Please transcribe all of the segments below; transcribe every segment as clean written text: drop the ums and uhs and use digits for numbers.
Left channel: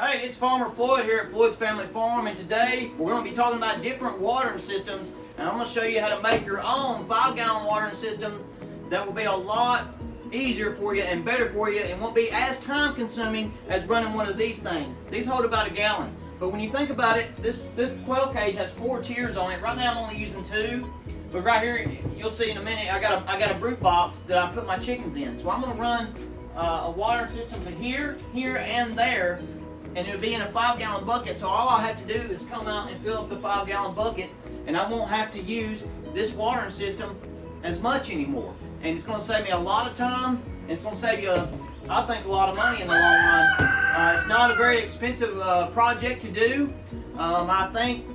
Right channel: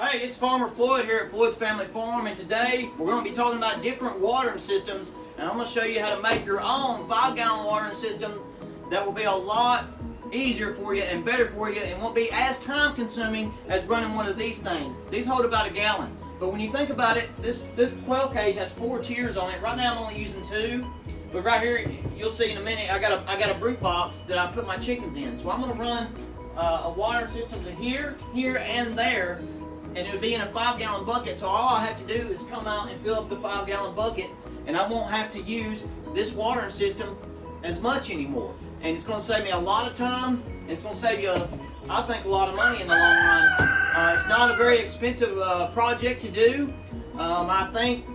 Hey, it's Farmer Floyd here at Floyd's Family Farm, and today we're going to be talking about different watering systems, and I'm going to show you how to make your own 5-gallon watering system that will be a lot easier for you and better for you and won't be as time consuming as running one of these things. These hold about a gallon, but when you think about it, this quail cage has 4 tiers on it. Right now I'm only using 2, but right here you'll see in a minute I got a brute box that I put my chickens in. So I'm going to run a watering system to here, and there. And it would be in a 5-gallon bucket, so all I have to do is come out and fill up the 5-gallon bucket, and I won't have to use this watering system as much anymore. And it's going to save me a lot of time, and it's going to save you, I think, a lot of money in the long run. It's not a very expensive project to do. I think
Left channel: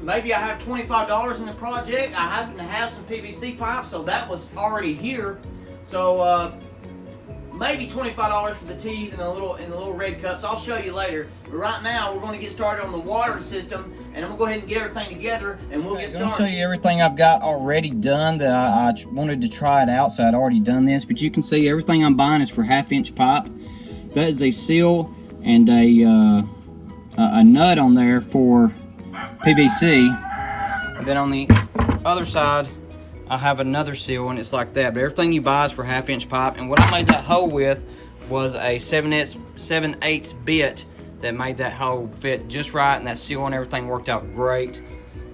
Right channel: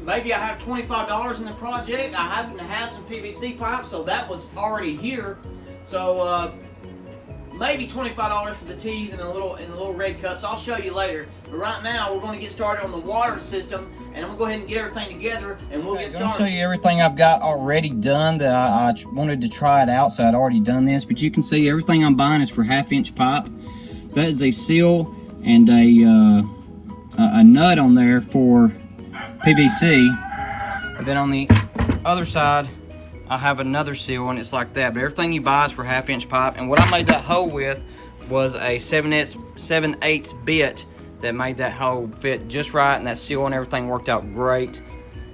maybe I have $25 in the project. I happen to have some PVC pipe, so that was already here. So maybe $25 for the teas and the little red cups. I'll show you later. But right now, we're going to get started on the watering system, and I'm going to go ahead and get everything together, and we'll get started. I'll show you everything I've got already done that I wanted to try it out, so I'd already done this. But you can see everything I'm buying is for 1/2-inch pipe. That is a seal and a nut on there for PVC. And then on the other side, I have another seal and it's like that, but everything you buy is for 1/2-inch pipe. And what I made that hole with was a 7/8 bit that made that hole fit just right, and that seal and everything worked out great.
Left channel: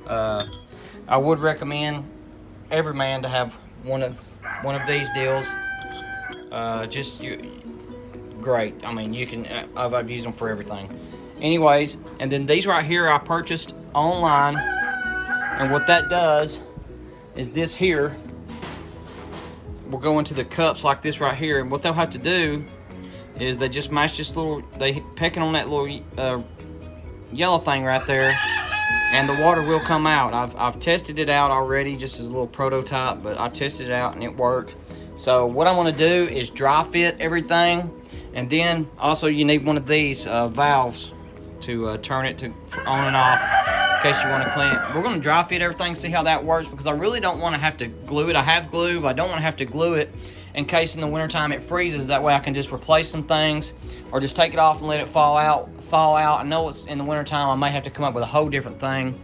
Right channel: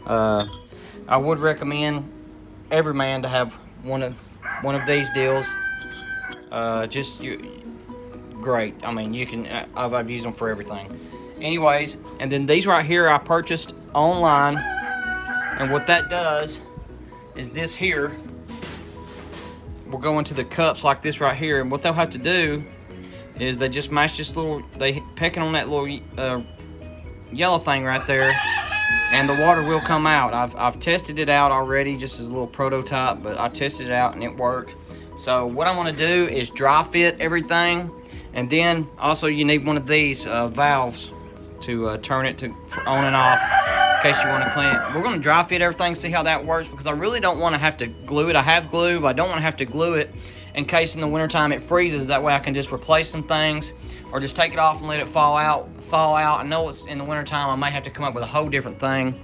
I would recommend every man to have one of these deals. Great. I mean, you can I've used them for everything. Anyways, and then these right here I purchased online, and what that does is this here will go into the cups like this right here, and what they'll have to do is they just match this little, they pecking on that little yellow thing right there, and the water will come out. I've tested it out already just as a little prototype, but I tested it out and it worked. So what I want to do is dry fit everything, and then also you need one of these valves to turn it to on and off in case you want to clean it. We're going to dry fit everything, see how that works, because I really don't want to have to glue it. I have glue, but I don't want to have to glue it in case in the wintertime it freezes. That way I can just replace some things or just take it off and let it thaw out. I know it's in the wintertime, I may have to come up with a whole different thing,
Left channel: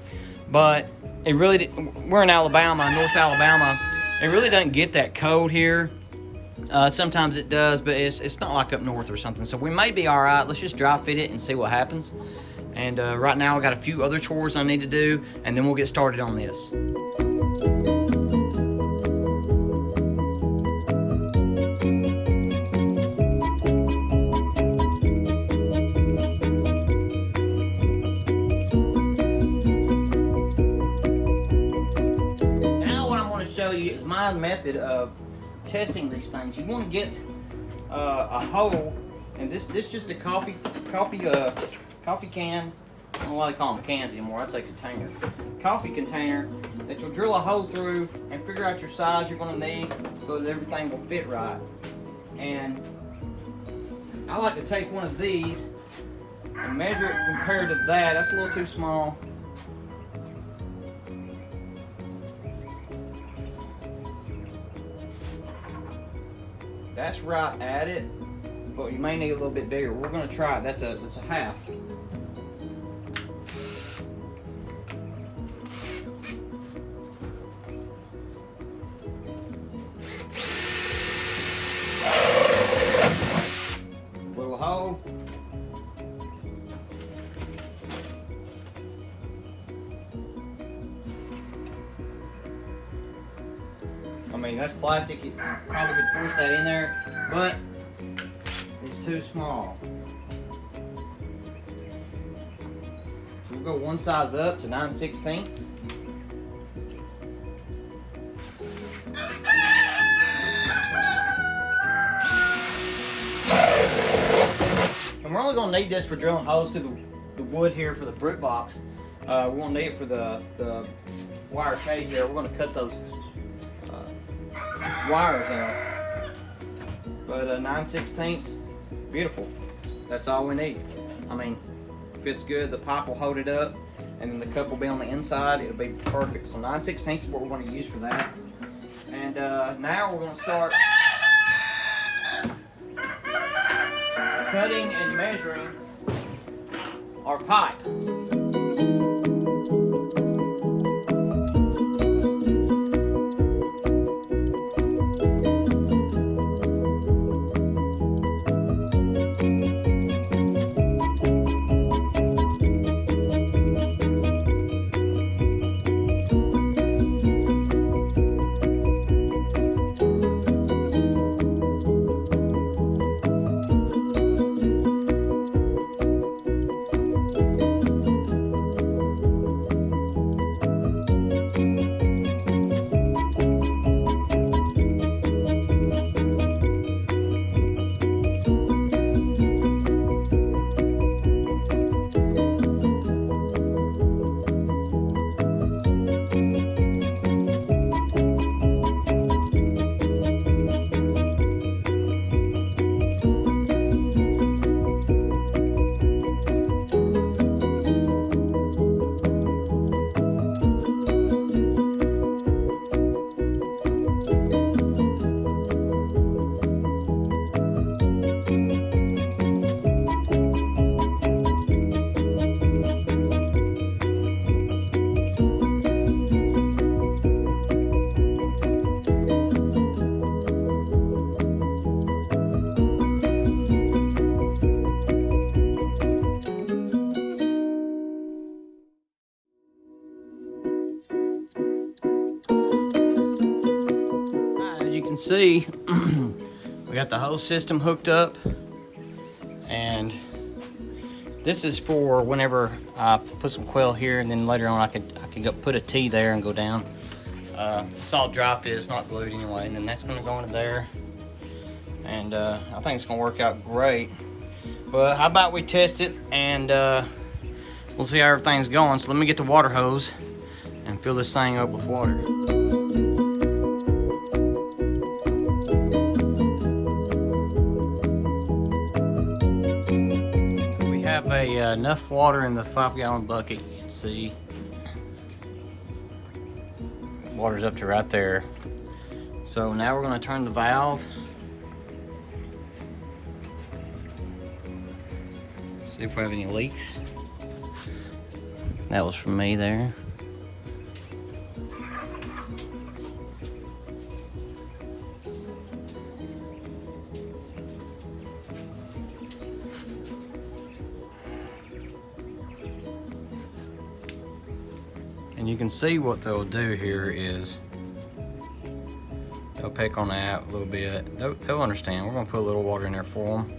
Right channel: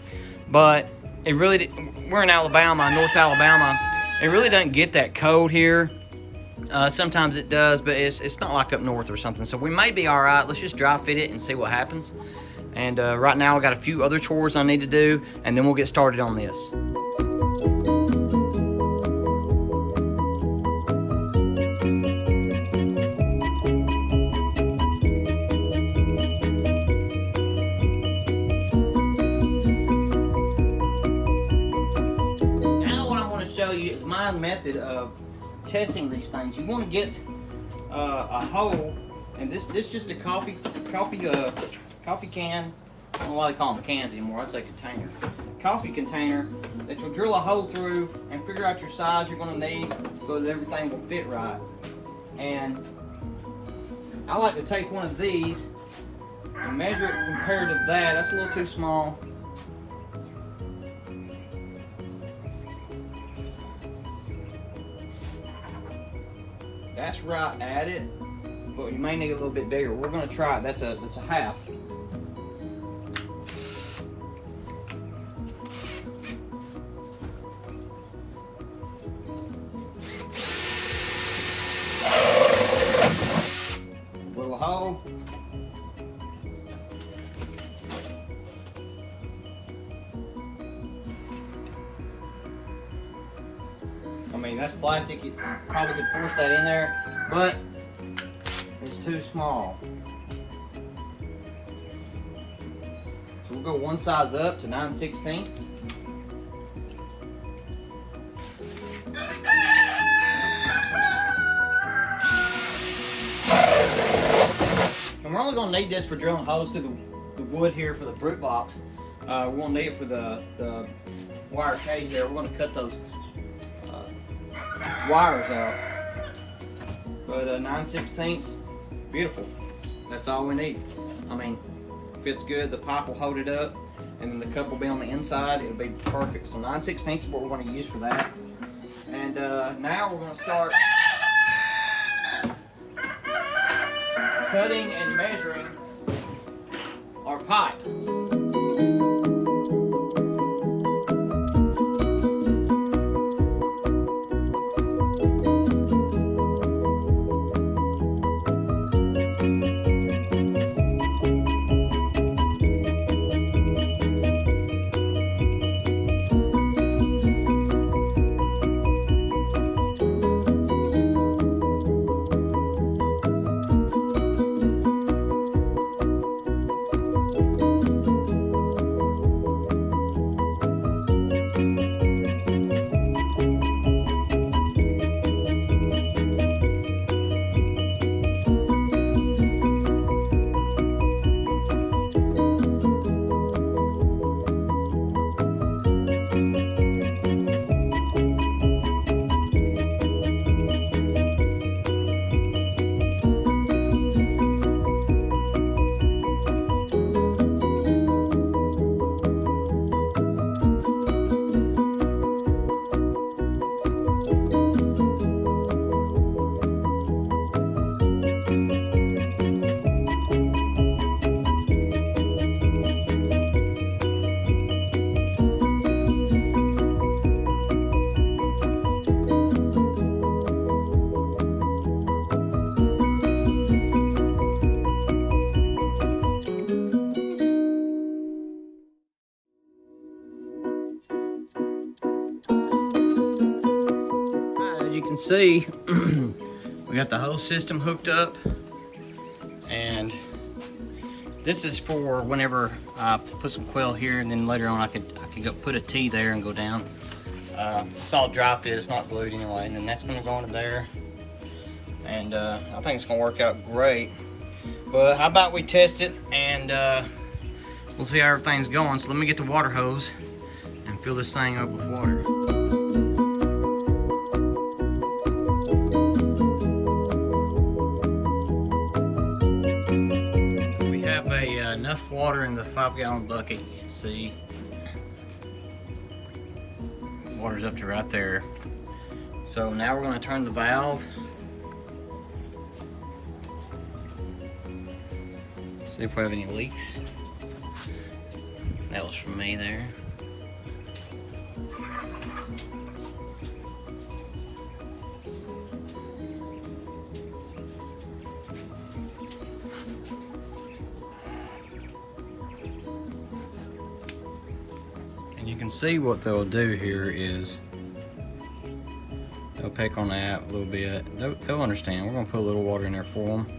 but it really, we're in Alabama, North Alabama. It really doesn't get that cold here. Sometimes it does, but it's not like up north or something, so we may be all right. Let's just dry fit it and see what happens. And right now I got a few other chores I need to do, and then we'll get started on this. Now what I'm going to show you is my method of testing these things. You want to get a hole, and this just a coffee can. I don't know why they call them cans anymore. I'd say container. Coffee container that you'll drill a hole through and figure out your size you're going to need so that everything will fit right. And I like to take one of these and measure it compared to that. That's a little too small. That's right at it, but you may need a little bit bigger. We're going to try it. That's a half. Little hole. I mean, that's plastic. You probably could force that in there, but it's too small. So we'll go one size up to 9/16. And we're only going to need this for drilling holes through the wood here for the brute box. We won't need it for the wire cage there. We're going to cut those wires out. But 9/16, beautiful. That's all we need. I mean, fits good. The pipe will hold it up, and then the cup will be on the inside. It'll be perfect. So 9/16 is what we're going to use for that. And now we're going to start cutting and measuring our pipe. As you can see, we got the whole system hooked up, and this is for whenever I put some quail here, and then later on I can go put a T there and go down. It's all dry fit, it's not glued anyway, and then that's gonna go into there, and I think it's gonna work out great. But how about we test it, and we'll see how everything's going. So let me get the water hose and fill this thing up with water. Enough water in the 5-gallon bucket. You can see water's up to right there. So now we're going to turn the valve. See if we have any leaks. That was from me there. And you can see what they'll do here is they'll peck on that a little bit. They'll understand. We're gonna put a little water in there for them.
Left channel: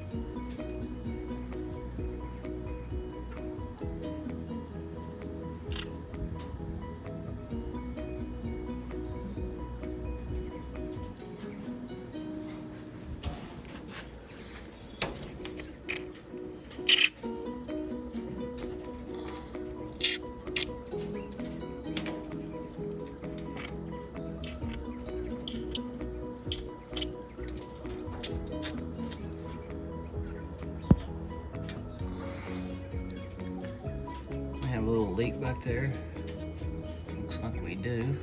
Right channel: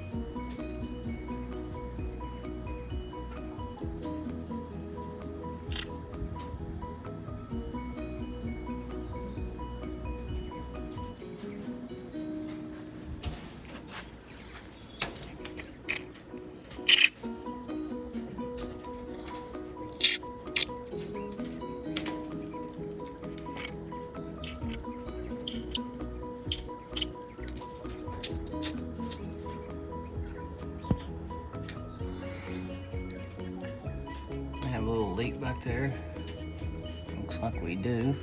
A little leak back there. Looks like we do.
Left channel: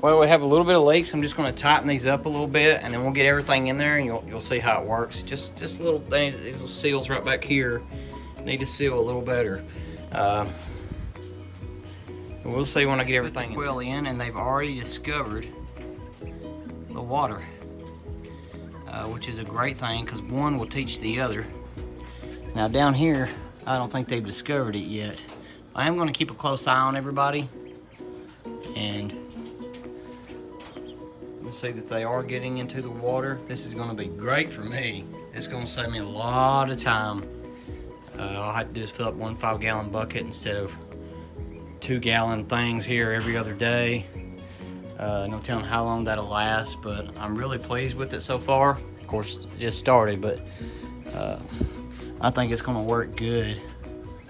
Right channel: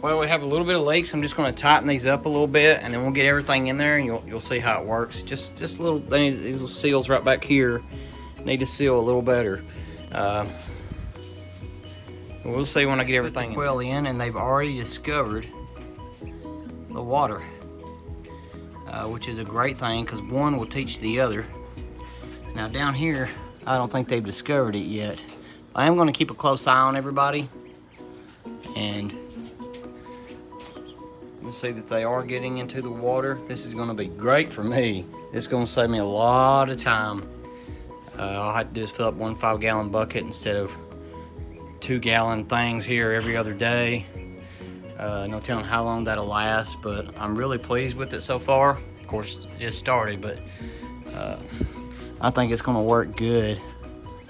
Well, we have a little bit of leaks. I'm just going to tighten these up a little bit, and then we'll get everything in there, and you'll see how it works. Just a little. These little seals right back here need to seal a little better. We'll see when I get everything well in, and they've already discovered the water, which is a great thing because one will teach the other. Now down here, I don't think they've discovered it yet. I am going to keep a close eye on everybody, and see that they are getting into the water. This is going to be great for me. It's going to save me a lot of time All I have to do is fill up 1 5-gallon bucket instead of 2-gallon things here every other day. No telling how long that'll last, but I'm really pleased with it so far. Of course, it just started, but I think it's gonna work good.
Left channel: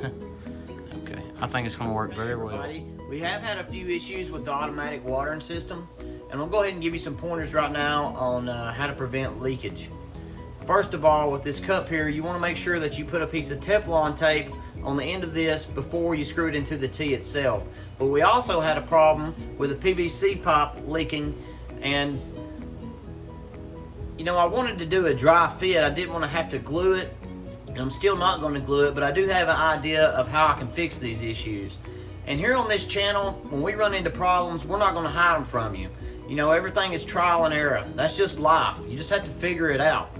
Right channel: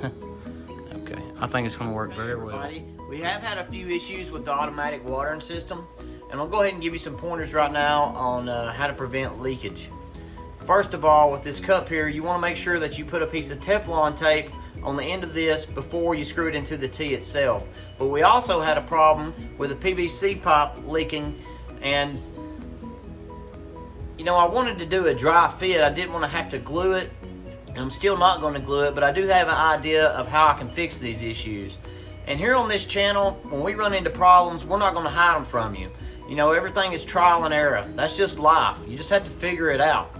Okay, I think it's gonna work very well. We have had a few issues with the automatic watering system, and I'll go ahead and give you some pointers right now on how to prevent leakage. First of all, with this cup here, you wanna make sure that you put a piece of Teflon tape on the end of this before you screw it into the tee itself. But we also had a problem with a PVC pipe leaking, and you know, I wanted to do a dry fit. I didn't want to have to glue it. I'm still not going to glue it, but I do have an idea of how I can fix these issues. And here on this channel, when we run into problems, we're not going to hide them from you. You know, everything is trial and error. That's just life. You just have to figure it out.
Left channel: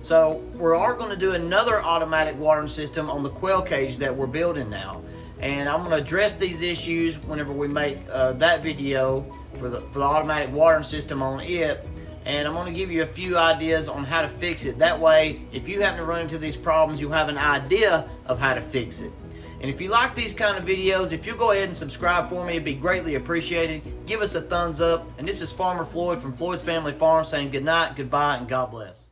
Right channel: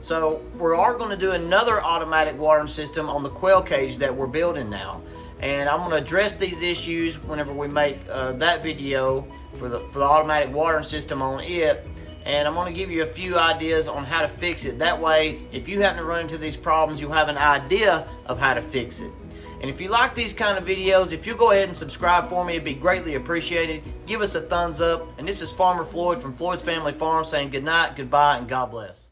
So we are going to do another automatic watering system on the quail cage that we're building now. And I'm going to address these issues whenever we make that video for the automatic watering system on it. And I'm going to give you a few ideas on how to fix it. That way, if you happen to run into these problems, you'll have an idea of how to fix it. And if you like these kind of videos, if you'll go ahead and subscribe for me, it'd be greatly appreciated. Give us a thumbs up. And this is Farmer Floyd from Floyd's Family Farm saying good night, goodbye, and God bless.